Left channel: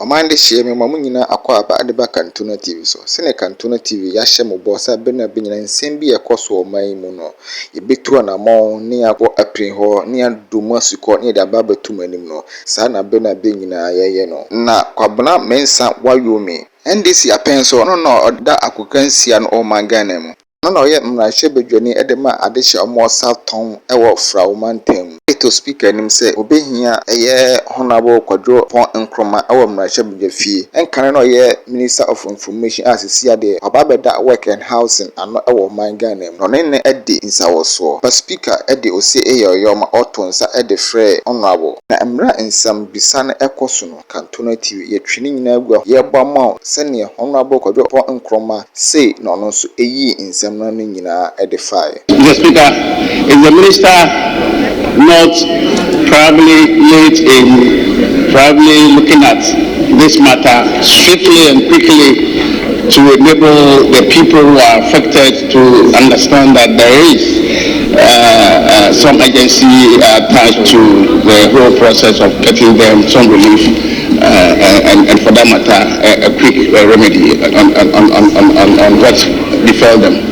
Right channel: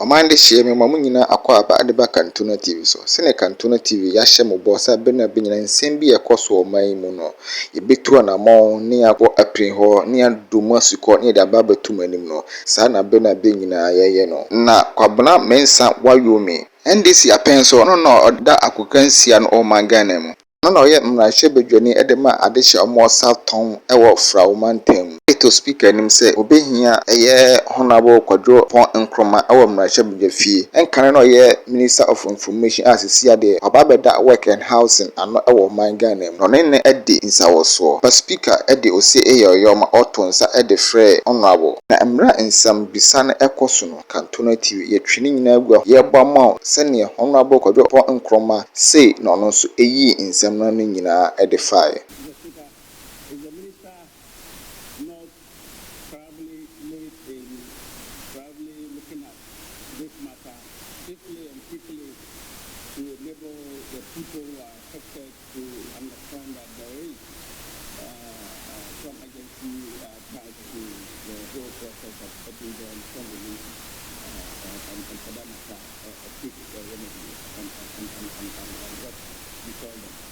Omande shie me mamu nyina akwa aba adeba Kantona TV so. Sene Kantona TV ya hye mo bosa bena benyina nsem bi ekoso oman mu no. Yebetu anamon ne akwo aprin ho ne adomu asuko ne de aba batum anim no. Sa na bena benyina yeye no. Na kwabena mensa wayomi. NDC apenso no oda akokansia no omangana mu. No ye mrahye bedwani edema adehye omo Southtown ewo Fraumantam. To speaker nim say obehia eye honorable Kwadwo Pon Nkrumah ewo mrahye bedwafie. Enkane no ye Minister of Information asisi ade obabeda work and housing ano ewo mangana mu. No ne ede nsawoso. But speaker ede ose eyeyoma otonsa ede frɛ honorable. Na emra nsam bisa na ekoso no Kantona TV yetwini nyina agua yebɔ ma sene honorable Kwadwo Pon Nkrumah say no no so eyi nsam na nyina ede fae. Mr. Speaker, is the minister not probably late in looking at this matter swiftly and quickly to enable the people who are affected to understand that there is some agency attached to the whole process of getting them some relief and for that matter a quick remedy on what befell them.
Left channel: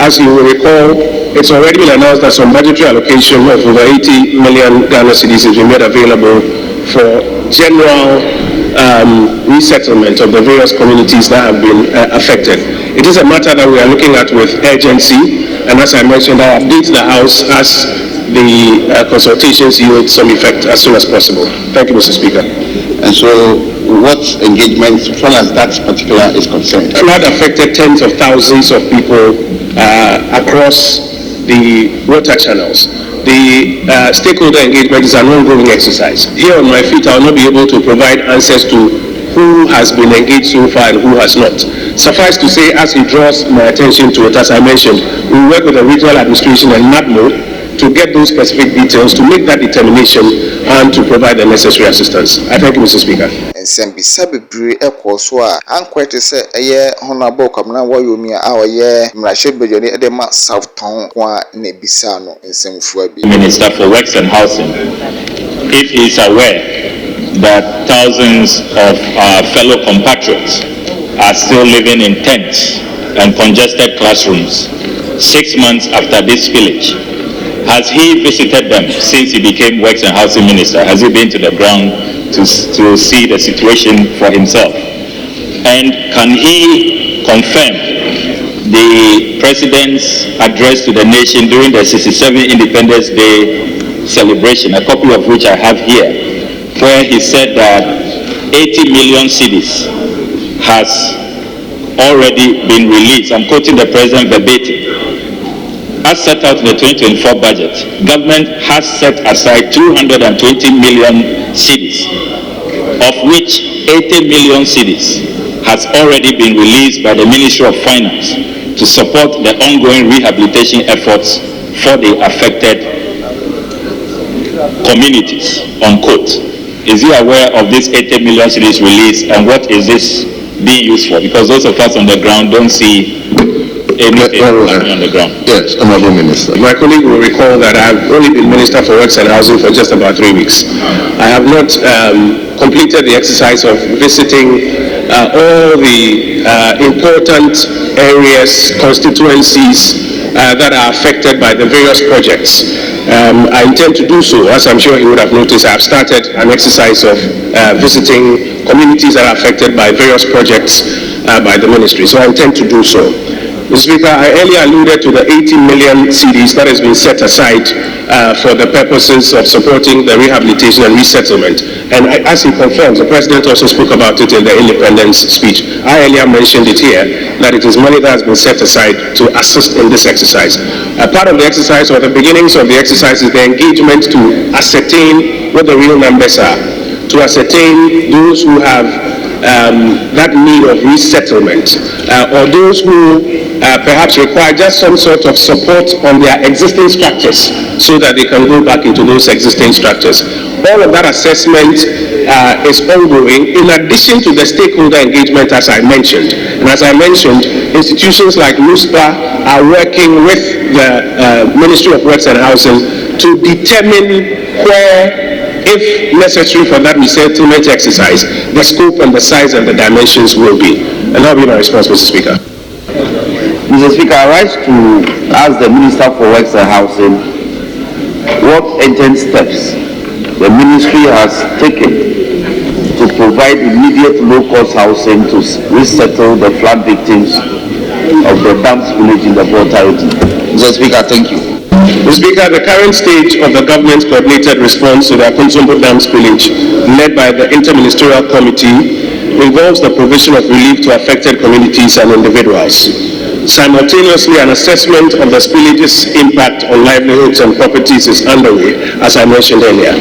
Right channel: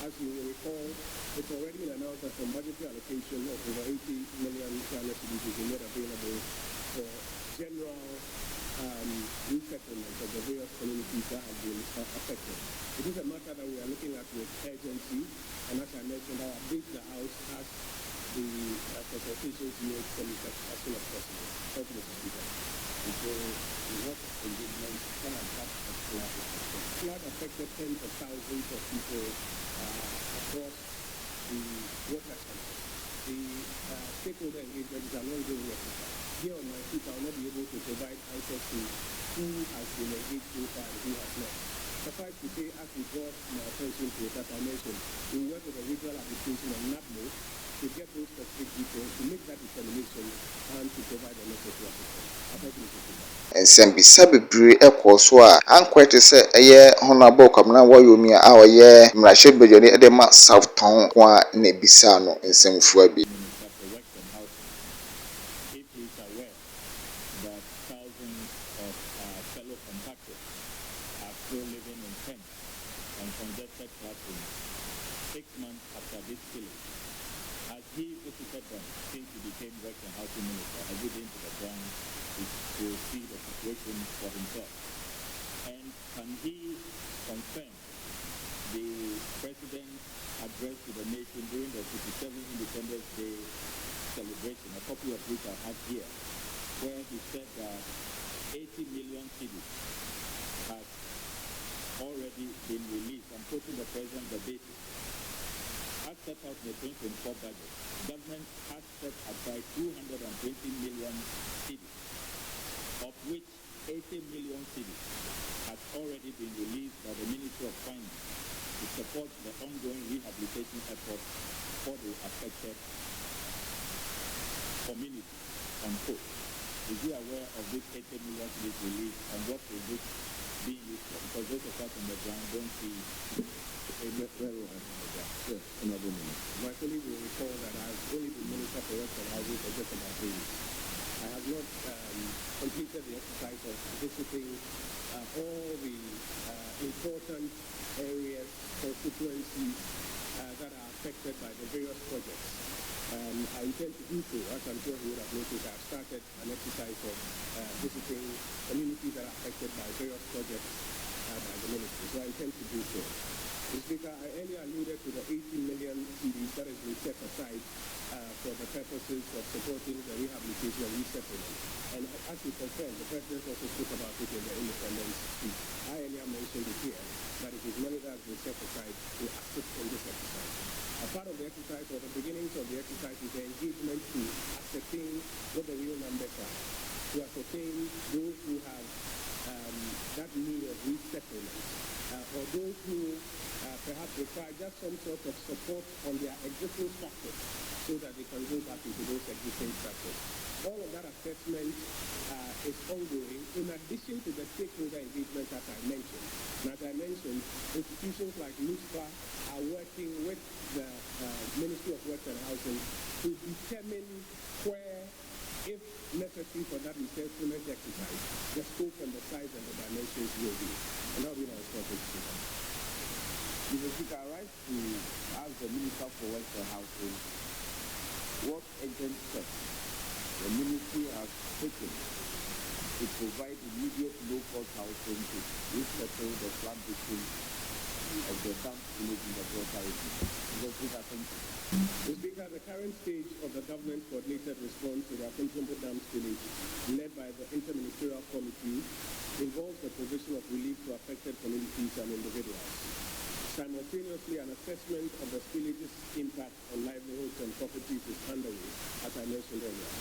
As you will recall, it's already been announced that some budgetary allocation of over 80 million Ghana cedis has been made available for general resettlement of the various communities that have been affected. It is a matter that we are looking at with urgency, and as I mentioned, I'll update the House as the consultations yield some effect as soon as possible. Thank you, Mr. Speaker. And so, what engagement, as far as that particular is concerned? Flood affected tens of thousands of people across the water channels. The stakeholder engagement is an ongoing exercise. Here on my feet, I will not be able to provide answers to who has been engaged so far and who has not. Suffice to say, as he draws my attention to it, as I mentioned, we work with the regional administration and NADMO to get those specific details, to make that determination, and to provide the necessary assistance. I thank you, Mr. Speaker. Nsembisa bebre ekoso a ankwete se eye honorable Kwabena Wayomi a oye mrahye bedwani edema Southtown kwa ne bisa no nsemfu abi. Minister for Works and Housing, if he is aware that thousands of our fellow compatriots are still living in tents and congested classrooms 6 months after this village, has he visited them since he became Works and Housing Minister? Has he been to the ground to see the situation for himself? And can he confirm the President's address to the nation during the 67th Independence Day celebration, a copy of which I have here, where he said that 80 million cedis has already been released? I'm quoting the President verbatim. As set out in the 2024 budget, government has set aside 220 million cedis, of which 80 million cedis has already been released by the Ministry of Finance to support the ongoing rehabilitation efforts for the affected communities, unquote. Is he aware of this 80 million cedis release, and what is this being used for? Because those of us on the ground don't see anything on the ground. Yes, Honorable Minister. My colleague will recall that I have only been Minister for Works and Housing for just about 3 weeks. I have not completed the exercise of visiting all the important areas, constituencies that are affected by the various projects. I intend to do so. As I'm sure you would have noticed, I have started an exercise of visiting communities that are affected by various projects by the ministry. So I intend to do so. Mr. Speaker, I earlier alluded to the 80 million cedis that has been set aside for the purposes of supporting the rehabilitation and resettlement. And as he confirms, the President also spoke about it in the independence speech. I earlier mentioned it here, that it is money that has been set aside to assist in this exercise. Part of the exercise, or the beginnings of the exercise, is the engagement to ascertain what the real numbers are, to ascertain those who have that need of resettlement, or those who perhaps require just some sort of support on their existing structures so that they can go back into those existing structures. All of that assessment is ongoing, in addition to the stakeholder engagement, as I mentioned. And as I mentioned, institutions like NUSPA are working with the Ministry of Works and Housing to determine where if necessary for that resettlement exercise, the scope and the size and the dimensions will be. And that will be my response, Mr. Speaker. Mr. Speaker, I rise to ask the Minister for Works and Housing what urgent steps the ministry has taken to provide immediate low-cost housing to resettle the flood victims of the Dams village in the Volta region. Mr. Speaker, thank you. Mr. Speaker, the current stage of the government's coordinated response to the Akonsombo Dams village, led by the Interministerial Committee, involves the provision of relief to affected communities and individuals. Simultaneously, an assessment of the spillage's impact on livelihoods and properties is underway, as I mentioned earlier.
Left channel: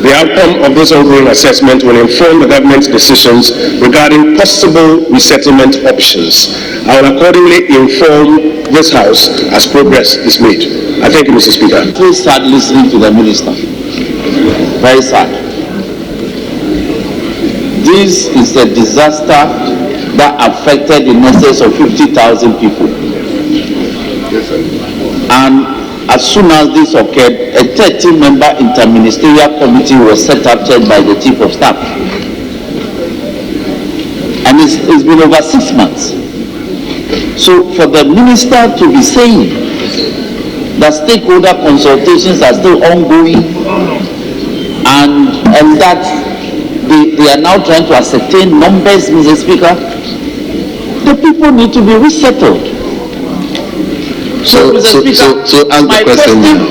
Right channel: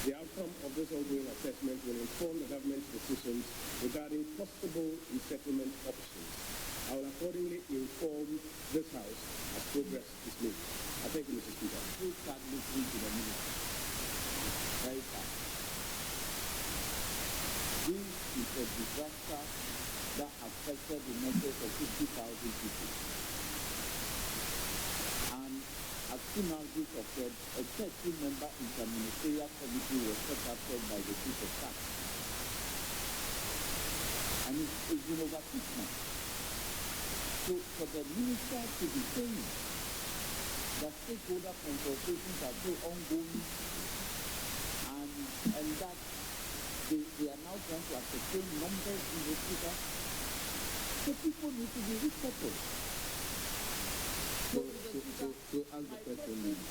The outcome of this ongoing assessment will inform the government's decisions regarding possible resettlement options. I will accordingly inform this House as progress is made. I thank you, Mr. Speaker. I'm very sad listening to the minister. Very sad. This is a disaster that affected in excess of 50,000 people. And as soon as this occurred, a 30-member interministerial committee was set up, chaired by the Chief of Staff. And it's been over 6 months. So for the minister to be saying that stakeholder consultations are still ongoing and that they are now trying to ascertain numbers, Mr. Speaker, the people need to be resettled. So, Mr. Speaker,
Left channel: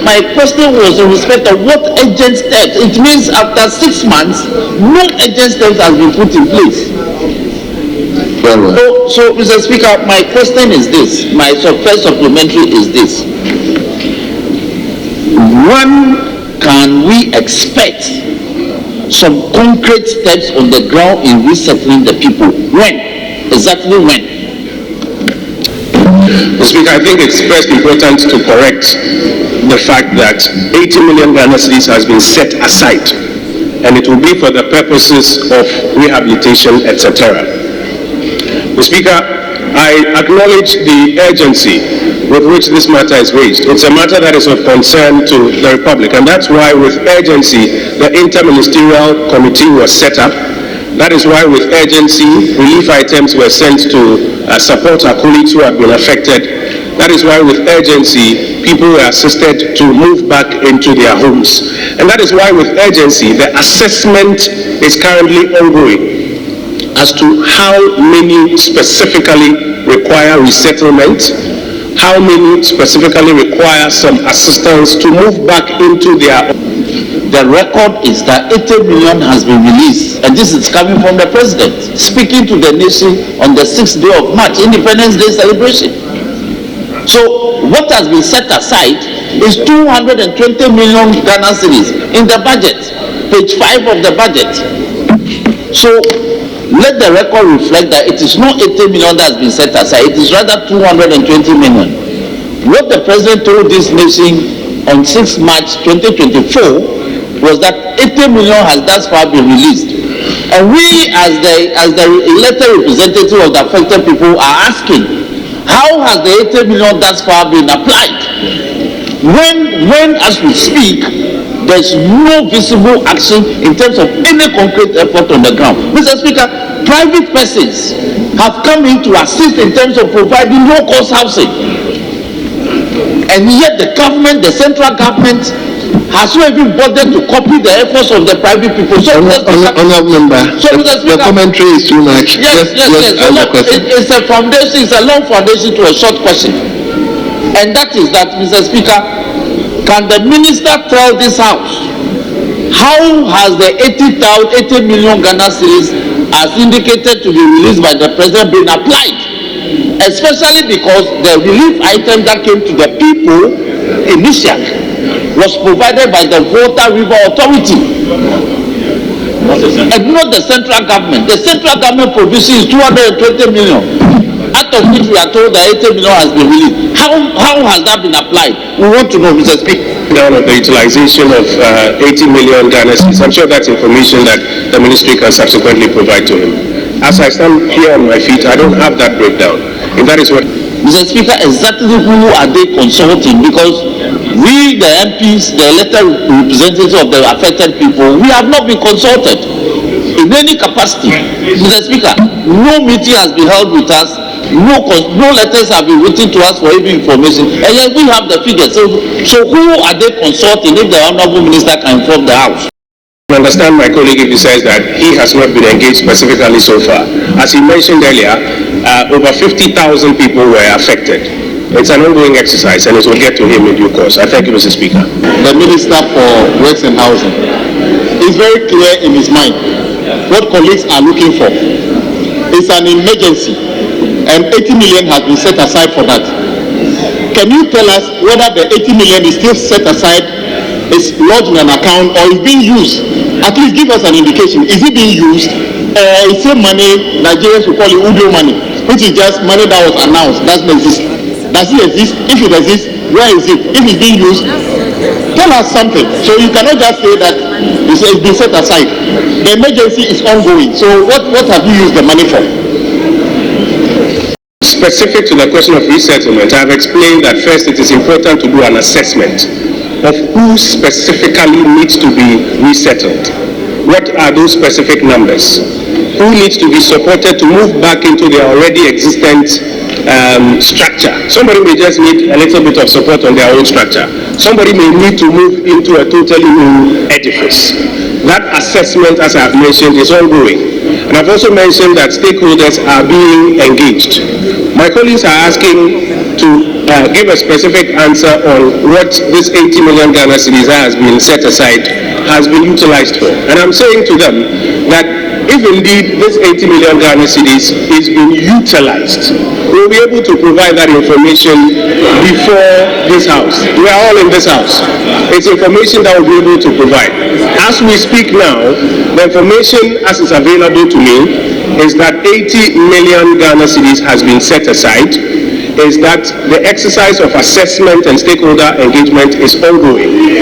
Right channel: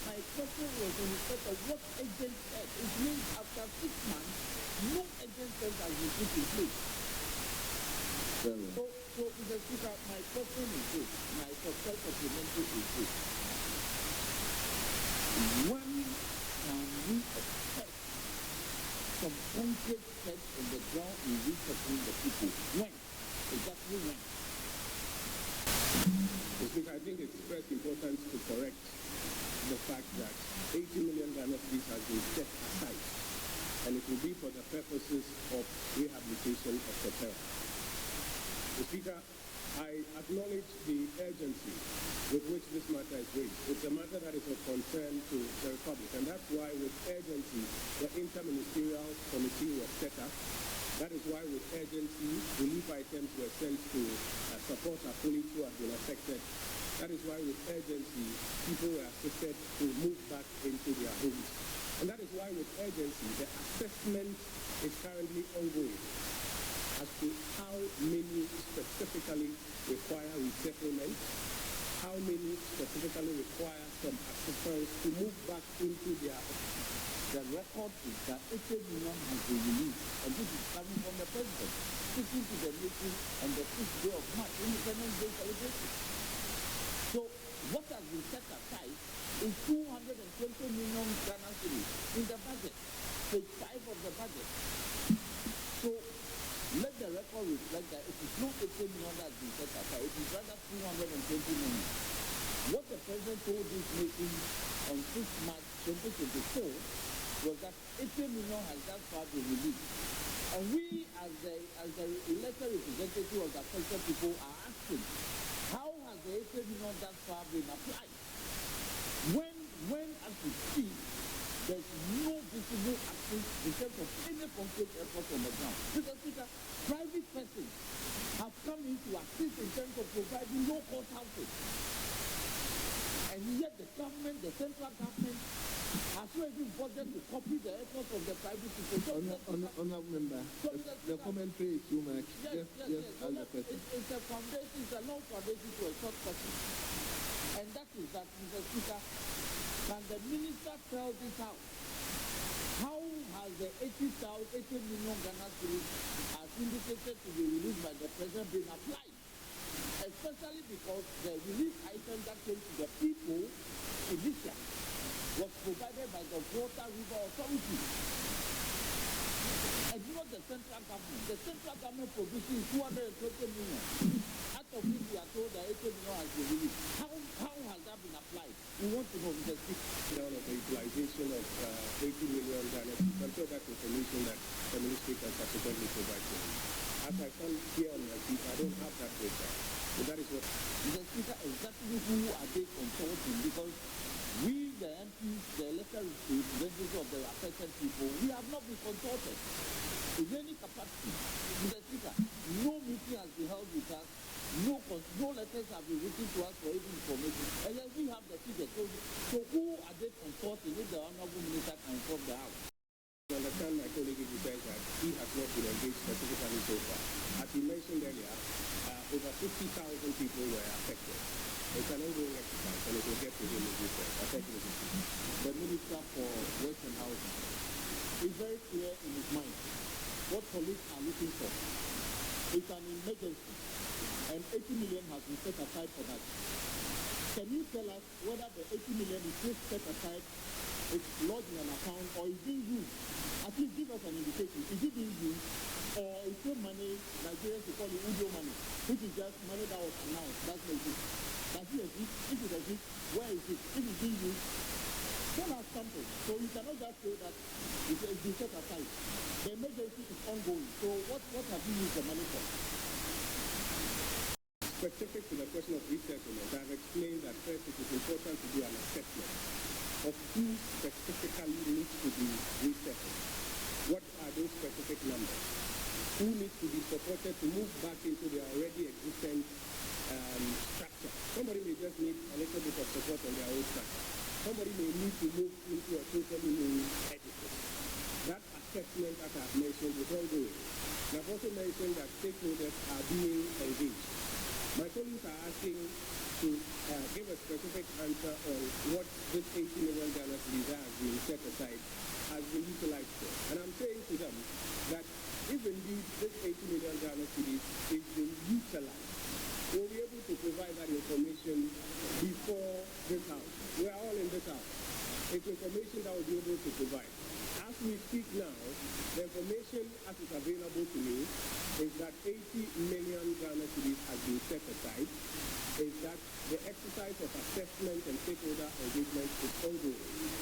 my question was in respect of what urgent steps. It means after 6 months, no urgent steps has been put in place. So, Mr. Speaker, my question is this. My first supplementary is this. When can we expect some concrete steps on the ground in resettling the people? When? Exactly when? Mr. Speaker, I think it's first important to correct the fact that 80 million Ghana cedis has been set aside, and it will be for the purposes of rehabilitation, etc. Mr. Speaker, I acknowledge the urgency with which this matter is raised. It's a matter that is of concern to the Republic, and that's why with urgency the Interministerial Committee was set up. That is why with urgency relief items were sent to support our colleagues who have been affected. That is why with urgency people were assisted to move back into their homes. And that is why with urgency the assessment is currently ongoing as to how many specifically require resettlement, how many specifically require some assistance to move back into their. The record is that 80 million has been released, and this is coming from the president, speaking to the nation on the 6th day of March, Independence Day celebration. So what has been set aside is 220 million Ghana cedis in the budget, page 5 of the budget. So let the record reflect that it is not 80 million that has been set aside, it is rather 220 million. What the president told this nation on 6 March 2024 was that 80 million has thus far been released. And we as the elected representative of the affected people are asking, how has the 80 million thus far been applied? When as we speak, there's no visible action in terms of any concrete effort on the ground. Mr. Speaker, private persons have come in to assist in terms of providing low-cost housing. And yet the government, the central government, has not even bothered to copy the efforts of the private people. So, Honourable Member, the commentary is too much. Yes. It's a foundation, it's a long foundation to a short question. And that is that, Mr. Speaker, can the minister tell this House how has the 80 million Ghana cedis as indicated to be released by the president been applied? Especially because the relief item that came to the people initially was provided by the Volta River Authority and not the central government. The central government provision is 220 million, out of which we are told that 80 million has been released. How has that been applied? We want to know, Mr. Speaker. Down of the utilization of 80 million Ghana cedis. I'm sure that's information that the ministry can subsequently provide to him. As I stand here on my feet, I don't have that breakdown. If that is what... Mr. Speaker, exactly who are they consulting? Because We, the MPs, the elected representatives of the affected people, we have not been consulted in any capacity. Mr. Speaker, no meeting has been held with us, no letters have been written to us for any information, and yet we have the figures. So who are they consulting if the Honourable Minister can inform the House? I understand my colleague if he says that he has not been engaged specifically so far. As he mentioned earlier, over 50,000 people were affected. It's an ongoing exercise and it will get to him in due course. I thank you, Mr. Speaker. The Minister for Works and Housing is very clear in his mind what colleagues are looking for. It's an emergency and 80 million has been set aside for that. Can you tell us whether the 80 million is still set aside, is lodged in an account, or is being used? At least give us an indication. Is it being used, or is it money Nigerians will call it Udo money, which is just money that was announced, doesn't exist? Does it exist? If it exists, where is it? If it's being used, tell us something. So you cannot just say that it's been set aside. The emergency is ongoing. So what have you used the money for? Specific to the question of resettlement, I have explained that first it is important to do an assessment of who specifically needs to be resettled. What are those specific numbers? Who needs to be supported to move back into their already existent structure? Somebody may just need a little bit of support on their own structure. Somebody may need to move into a totally new edifice. That assessment, as I have mentioned, is ongoing. And I've also mentioned that stakeholders are being engaged. My colleagues are asking to give a specific answer on what this 80 million Ghana cedis has been set aside has been utilized for. And I'm saying to them that if indeed this 80 million Ghana cedis is being utilized, we'll be able to provide that information before this House. We are all in this House. It's information that we'll be able to provide. As we speak now, the information as is available to me is that 80 million Ghana cedis has been set aside, is that the exercise of assessment and stakeholder engagement is ongoing.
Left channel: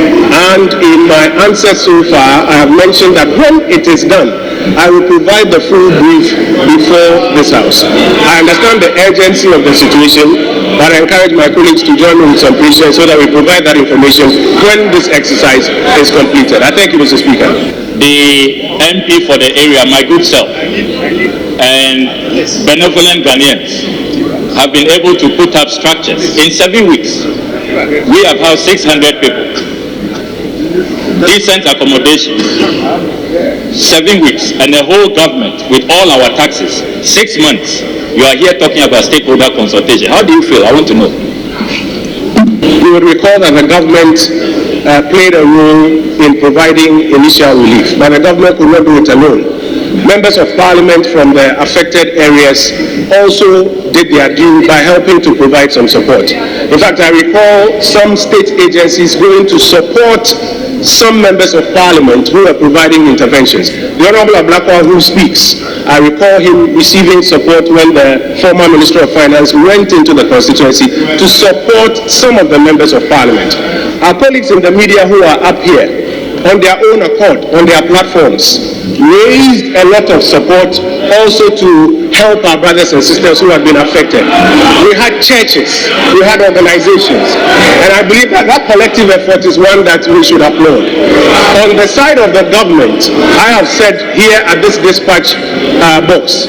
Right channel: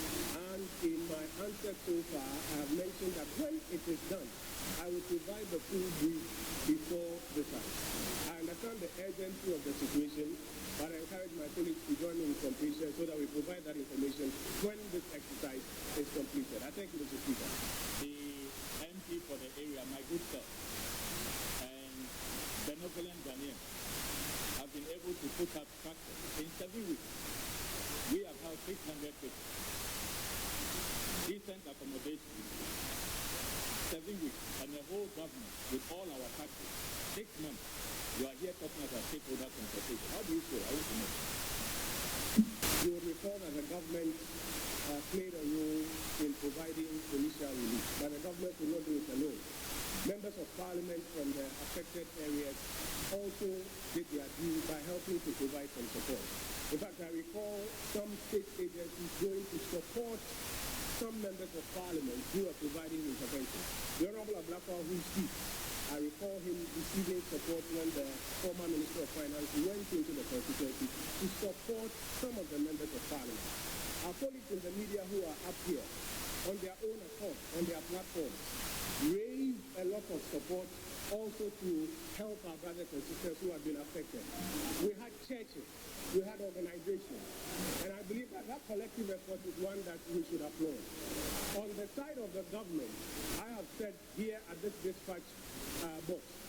And in my answer so far, I have mentioned that when it is done, I will provide the full brief before this House. I understand the urgency of the situation, but I encourage my colleagues to join me with some patience so that we provide that information when this exercise is completed. I thank you, Mr. Speaker. The MP for the area, my good self, and benevolent Ghanaians have been able to put up structures. In 7 weeks, we have housed 600 people. Decent accommodation. 7 weeks, and the whole government with all our taxes. 6 months. You are here talking about stakeholder consultation. How do you feel? I want to know. You would recall that the government played a role in providing initial relief, but the government could not do it alone. Members of Parliament from the affected areas also did their due by helping to provide some support. In fact, I recall some state agencies going to support some members of Parliament who were providing interventions. The Honourable Ablakwa, who speaks, I recall him receiving support when the former Minister of Finance went into the constituency to support some of the members of Parliament. Our colleagues in the media who are up here, on their own accord, on their platforms, raised a lot of support also to help our brothers and sisters who have been affected. We had churches, we had organizations, and I believe that that collective effort is one that we should applaud. On the side of the government, I have said here at this dispatch box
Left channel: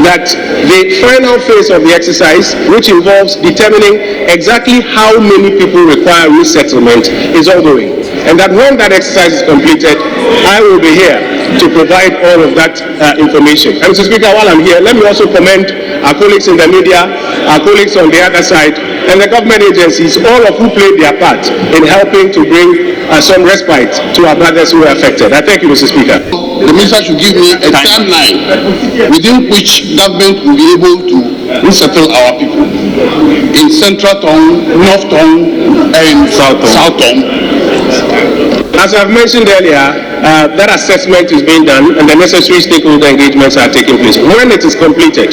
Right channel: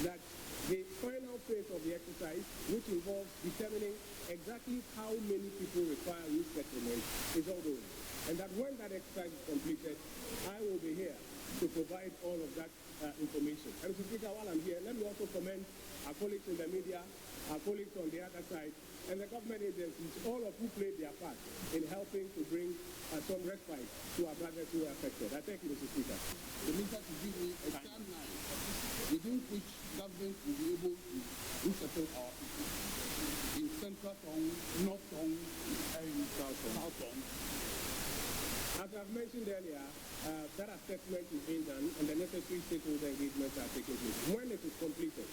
that the final phase of the exercise, which involves determining exactly how many people require resettlement, is ongoing. And that when that exercise is completed, I will be here to provide all of that information. And Mr. Speaker, while I'm here, let me also commend our colleagues in the media, our colleagues on the other side, and the government agencies, all of who played their part in helping to bring some respite to our brothers who were affected. I thank you, Mr. Speaker. The minister should give me a timeline within which government will be able to resettle our people in Central Tongue, North Tongue, and South Tongue. As I've mentioned earlier, that assessment is being done and the necessary stakeholder engagements are taking place. When it is completed,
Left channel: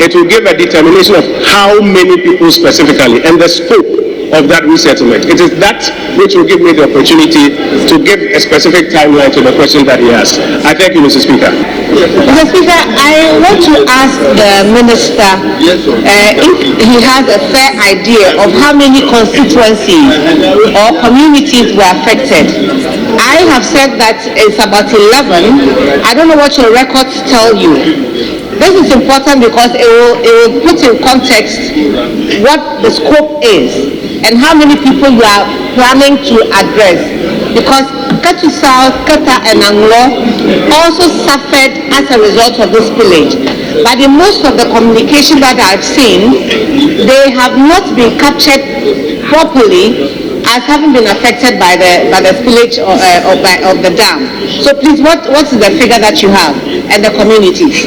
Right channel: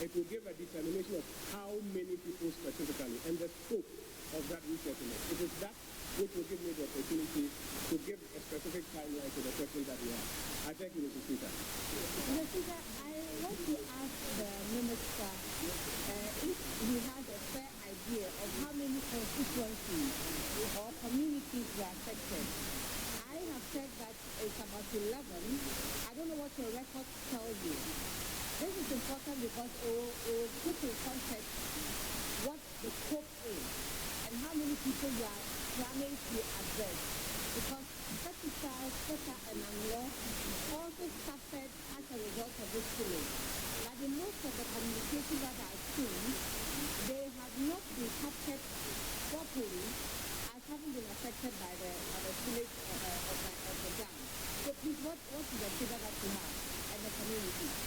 it will give a determination of how many people specifically and the scope of that resettlement. It is that which will give me the opportunity to give a specific timeline to the question that he asked. I thank you, Mr. Speaker. Mr. Speaker, I want to ask the Minister if he has a fair idea of how many constituencies or communities were affected. I have said that it's about 11. I don't know what your records tell you. This is important because it will put in context what the scope is and how many people you are planning to address. Because Ketu South, Keta and Anglo also suffered as a result of this spillage. But in most of the communication that I've seen, they have not been captured properly as having been affected by the spillage of the dam. So please, what is the figure that you have and the communities?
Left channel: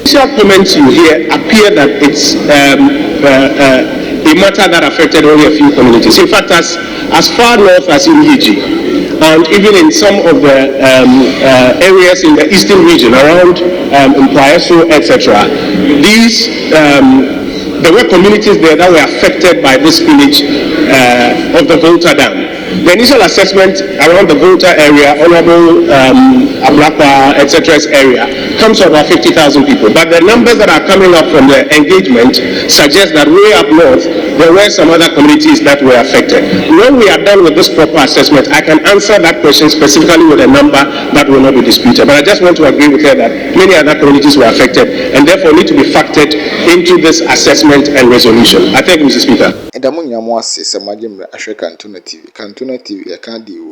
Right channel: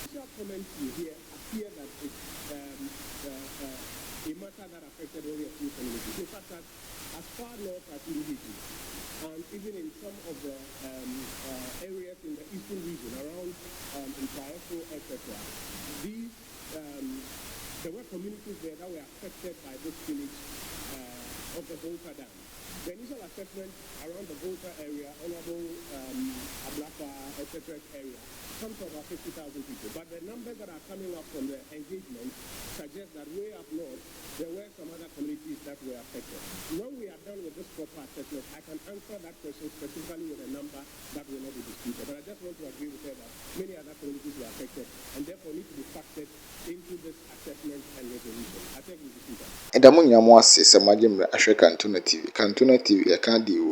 Initial comments you hear appear that it's a matter that affected only a few communities. In fact, as far north as in Yiji, and even in some of the areas in the eastern region around Mpaeso, etc., these there were communities there that were affected by this spillage of the Volta Dam. The initial assessment around the Volta area, Honorable Ablapa, etc. area, comes to about 50,000 people. But the numbers that are coming up from the engagement suggest that way up north, there were some other communities that were affected. When we are done with this proper assessment, I can answer that question specifically with a number that will not be disputed. But I just want to agree with her that many other communities were affected and therefore need to be factored into this assessment and resolution. I thank you, Mr. Speaker. Edamu nyamu ase se magye mra ahwe Kantuna TV. Kantuna TV ya kan di